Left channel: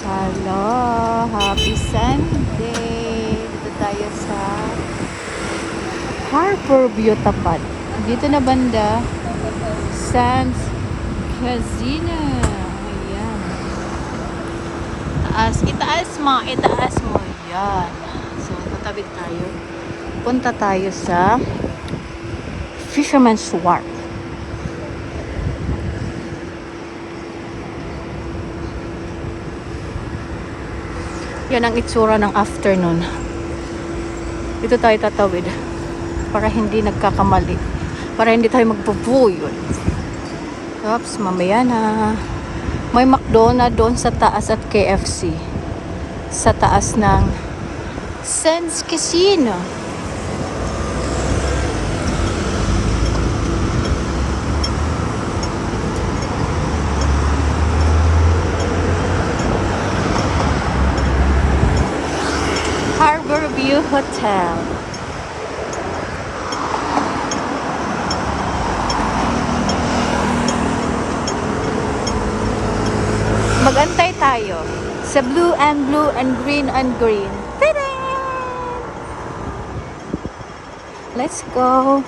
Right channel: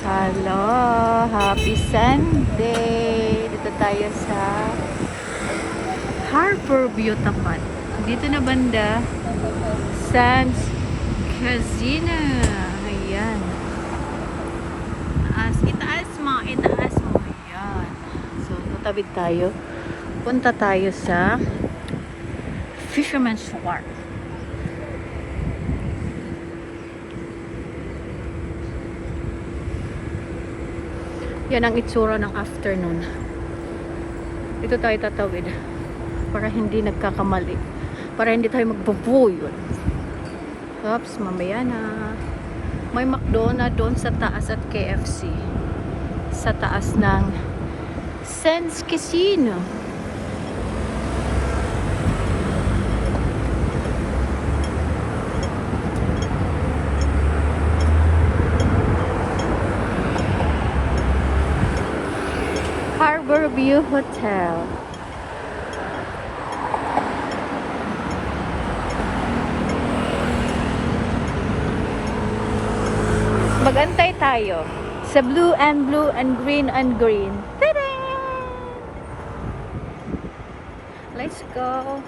Hello, happy Sunday! Dito tayo sa Harbor View Tapat. Dito na banda, Sands Casino. Ayan. Itaas mo. Ayan. So, tatawid tayo. Punta tayo sa Fisherman's Wharf. Yan ang itsura ng afternoon. Dito tayo tatawid para hindi nagkakamali. Para hindi tayo magpupuyod. Oops, mamaya na. May McDonald's doon sa taas at KFC. Sa taas ng Sands Casino. Harbor View Hotel. Magantay tayo sa blue and green and green. Ta-da! Let's go.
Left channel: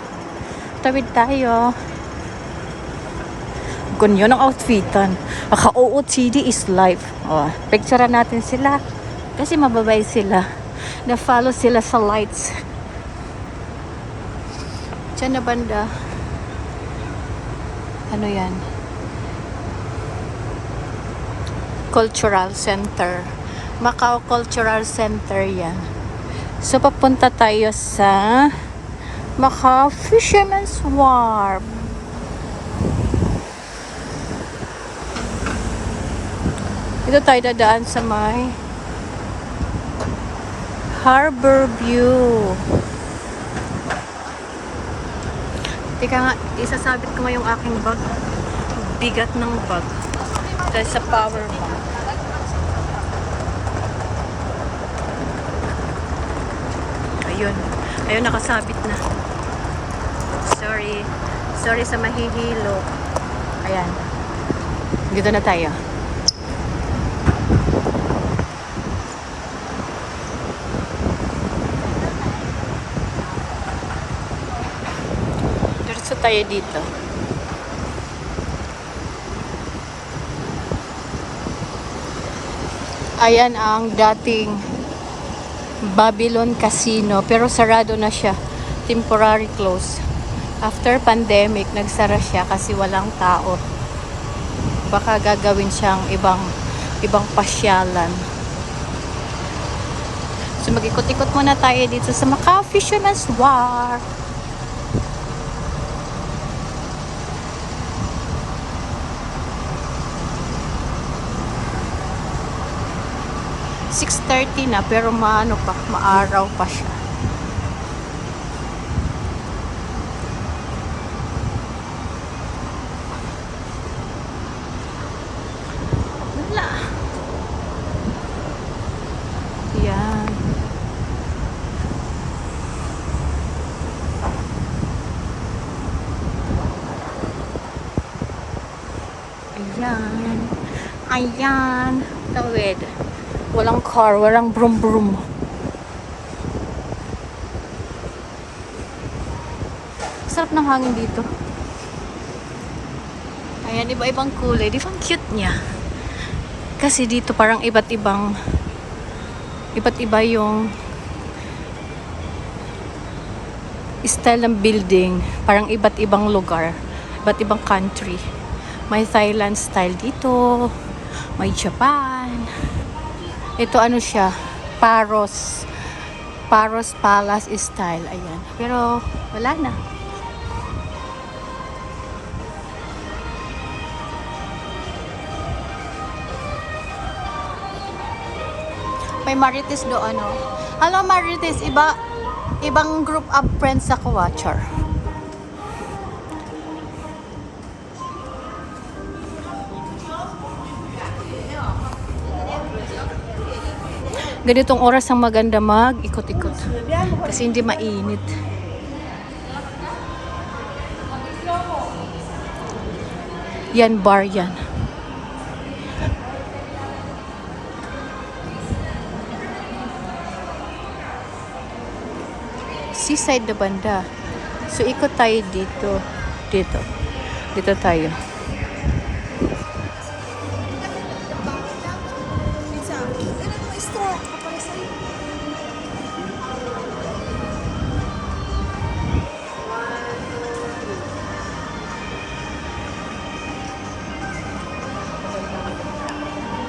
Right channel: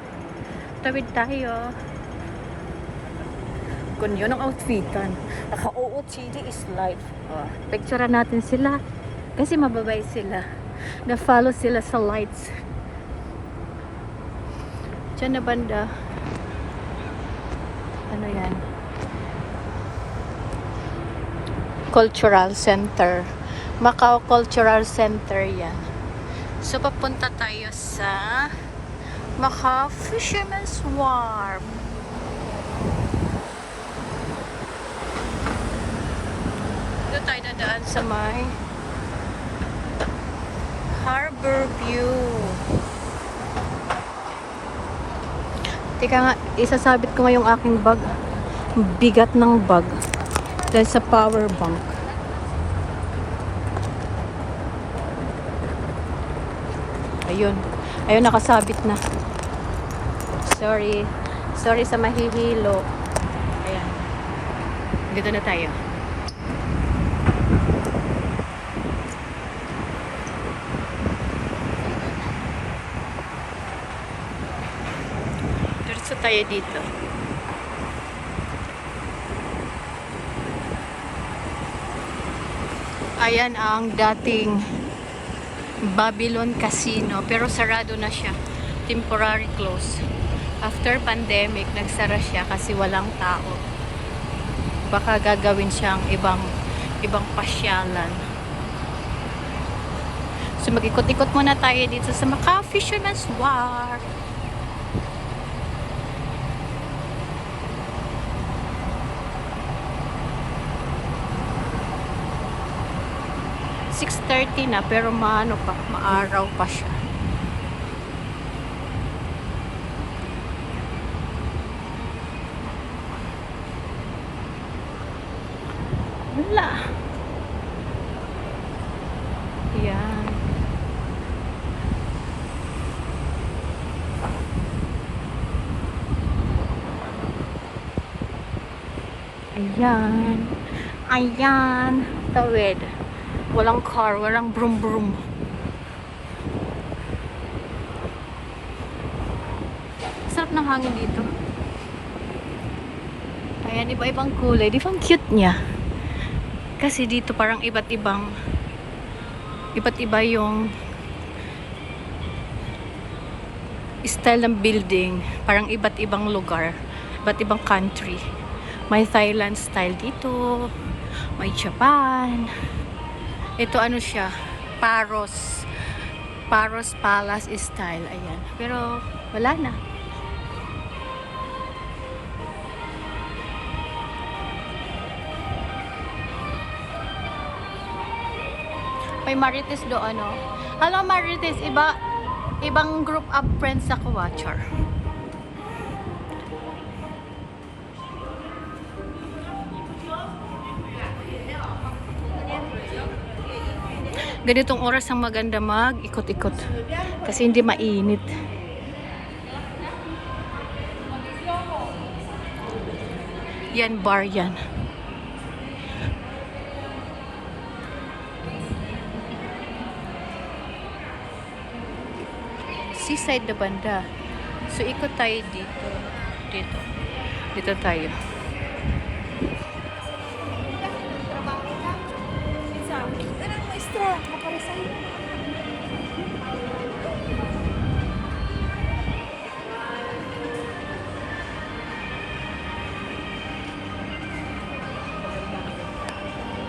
Tawid tayo. Ganyan ang outfitan. Aka-OOTD is life. Oh, picturean natin sila kasi mababay sila. Na-follow sila sa lights. Diyan na banda. Ano yan? Cultural Center. Macau Cultural Center yan. So, papunta tayo sa Macau Fisherman's Wharf. Ito tayo dadaan sa may Harbor View. Teka nga, isasabit ko nga yung aking bag. Bigat ng bag. Dahil sa power bank. Ayun. Ayun, nakasabit na. Sorry sa mahihilo. Ayan. Dito na tayo. Diretso tayo dito. Ayan ang dating Babylon Casino, pero sarado na siya. Temporary close. After pandemic, nagsara siya kasi walang tao. Baka gagawin siyang ibang pasyalan. So mag-ikot-ikot muna tayo dito sa Macau Fisherman's Wharf. .30 na pero maaraw pa siya. Wala. Yan. Ayan. Tawid. Walang car, walang brum-brum. Sarap ng hangin dito. Ayan, iba-ibang kulay. Di ba ang cute niya? Kasi dito parang iba't iba yung style ng building. Parang iba't ibang lugar. Iba't ibang country. May Thailand style dito. May Japan. Ito ano siya, Paros Palace style, ayan. Pero wala na. May Marites do ano. Hello Marites, ibang group of friends ako, watcher. Ganitong oras ang maganda mag-ikot-ikot kasi hindi mainit. Yan, bar yan. seaside na banda. So, ikot tayo dito. Dito. Dito tayo.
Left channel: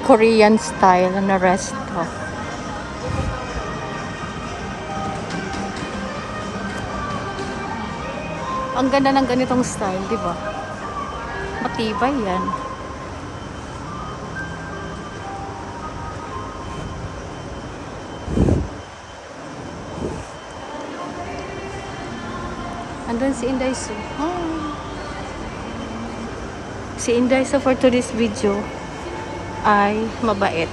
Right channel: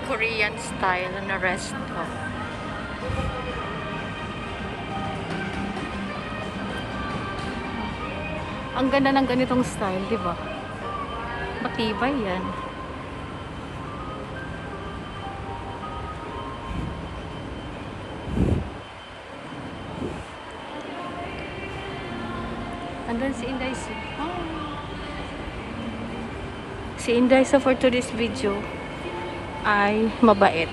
Korean style na resto. Ang ganda ng ganitong style, di ba? Matibay yan. Andun si Inday Su. Hi. Si Inday Su for today's video ay mabait.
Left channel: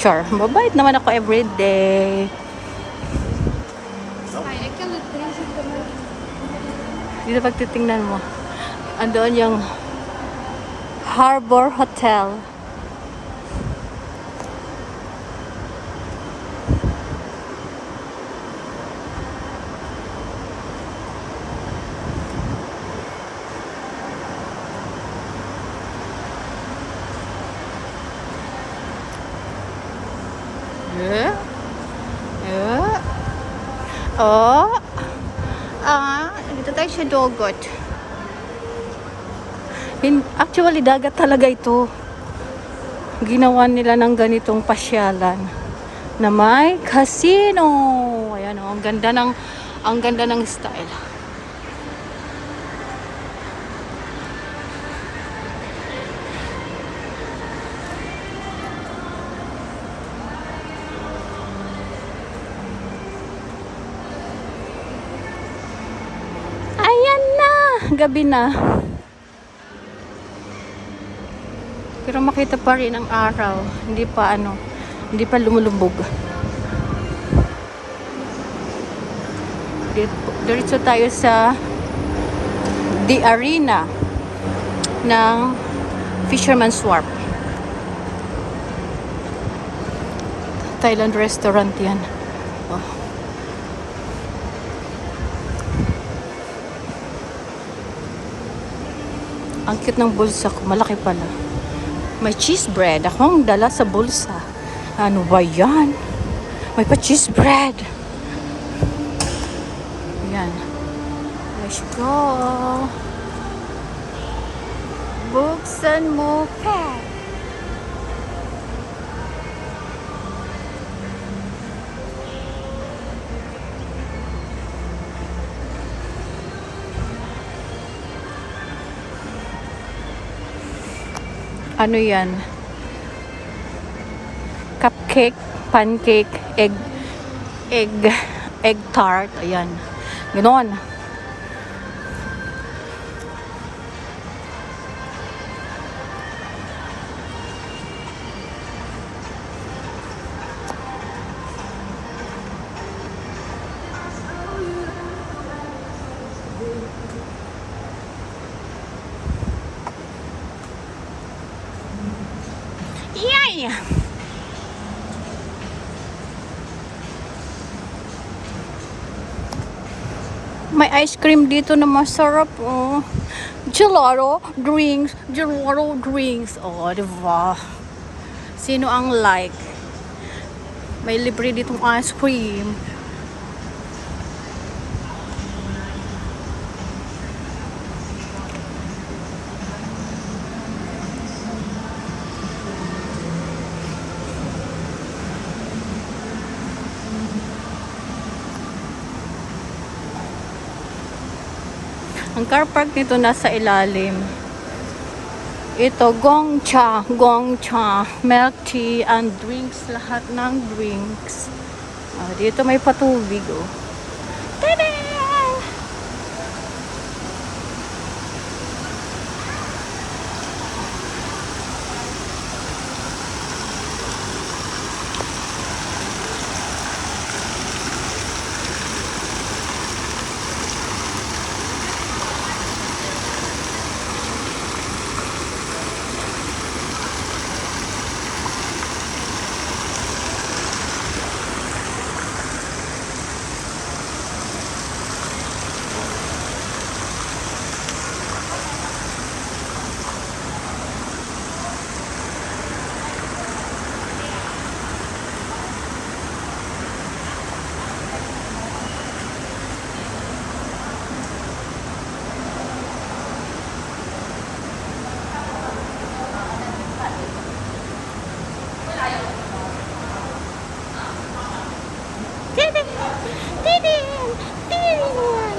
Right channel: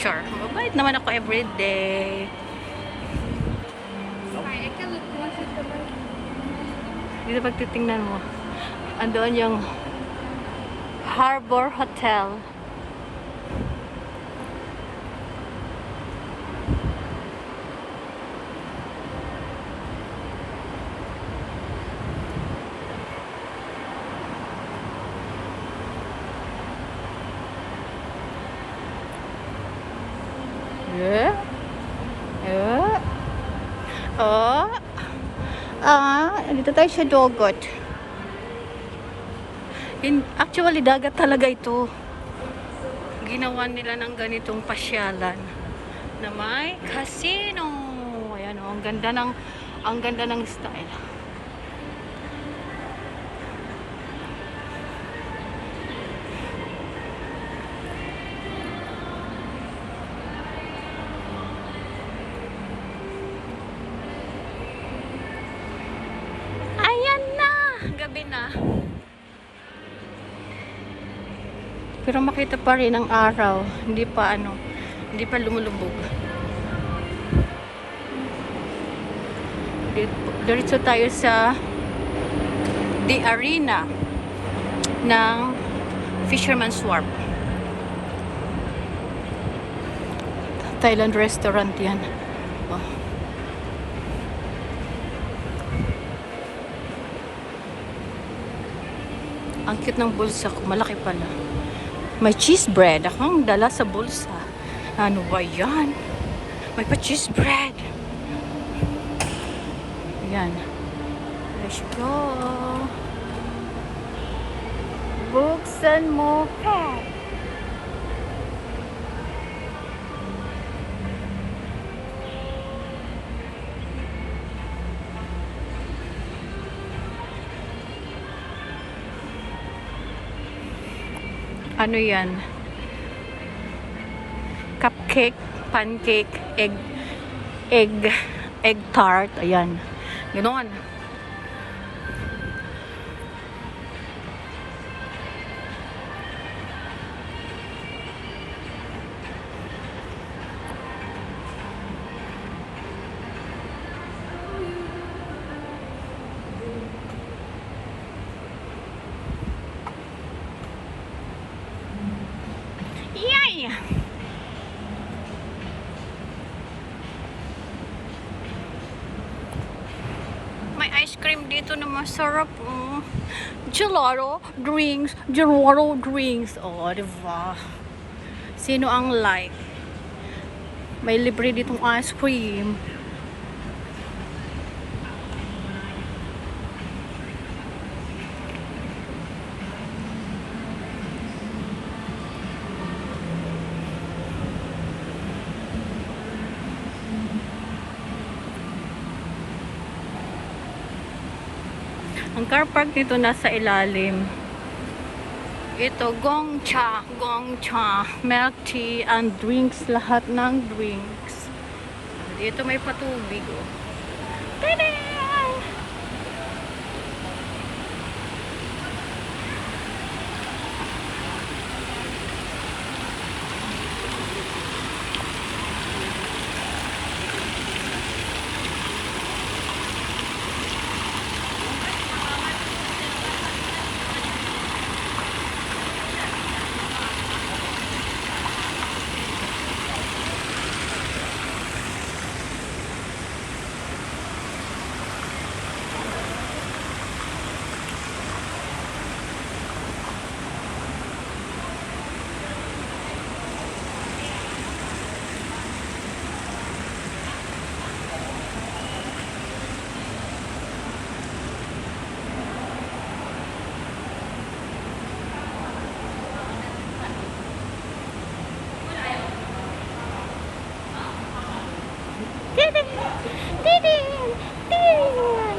Char, mabait naman ako everyday. Dito pag titingnan mo, andoon yung Harbor Hotel. Yeah. Yeah. Oh. Dito tayo sa Dogot. Actually, dagat talaga ito. Ginawa nila ng ganitong pasyalan na may casino. Ayan, oh, ang ganda ng style. Gabi na. Pero makita pa rin ang araw. Hindi pa lumulubog. Diretso tayo sa The Arena ng Fisherman's Wharf. Thailand restaurant yan. Oh. Ang cute ng bulsa ko. Malaki pala. May cheese bread. Akong dala sa bulsa. Ano ba yan? May pa cheese bread. Ayan. Let's go. Buksan mo pa. Ano yan? Cupcake, pancake, egg tart. Ayan. Ganon. Yay! May ice cream dito na masarap, oh. Gelato drinks. Oh, diba? Sino ang like? May libre ditong ice cream. Ang car park nito nasa ilalim. Ito, gongcha, milk tea and drinks, lahat ng drinks. Dito may patubig, oh. Tada! Tidin! Tidin! Tidin!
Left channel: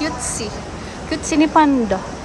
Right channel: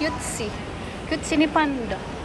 Cutesy. Cutesy ni Panda.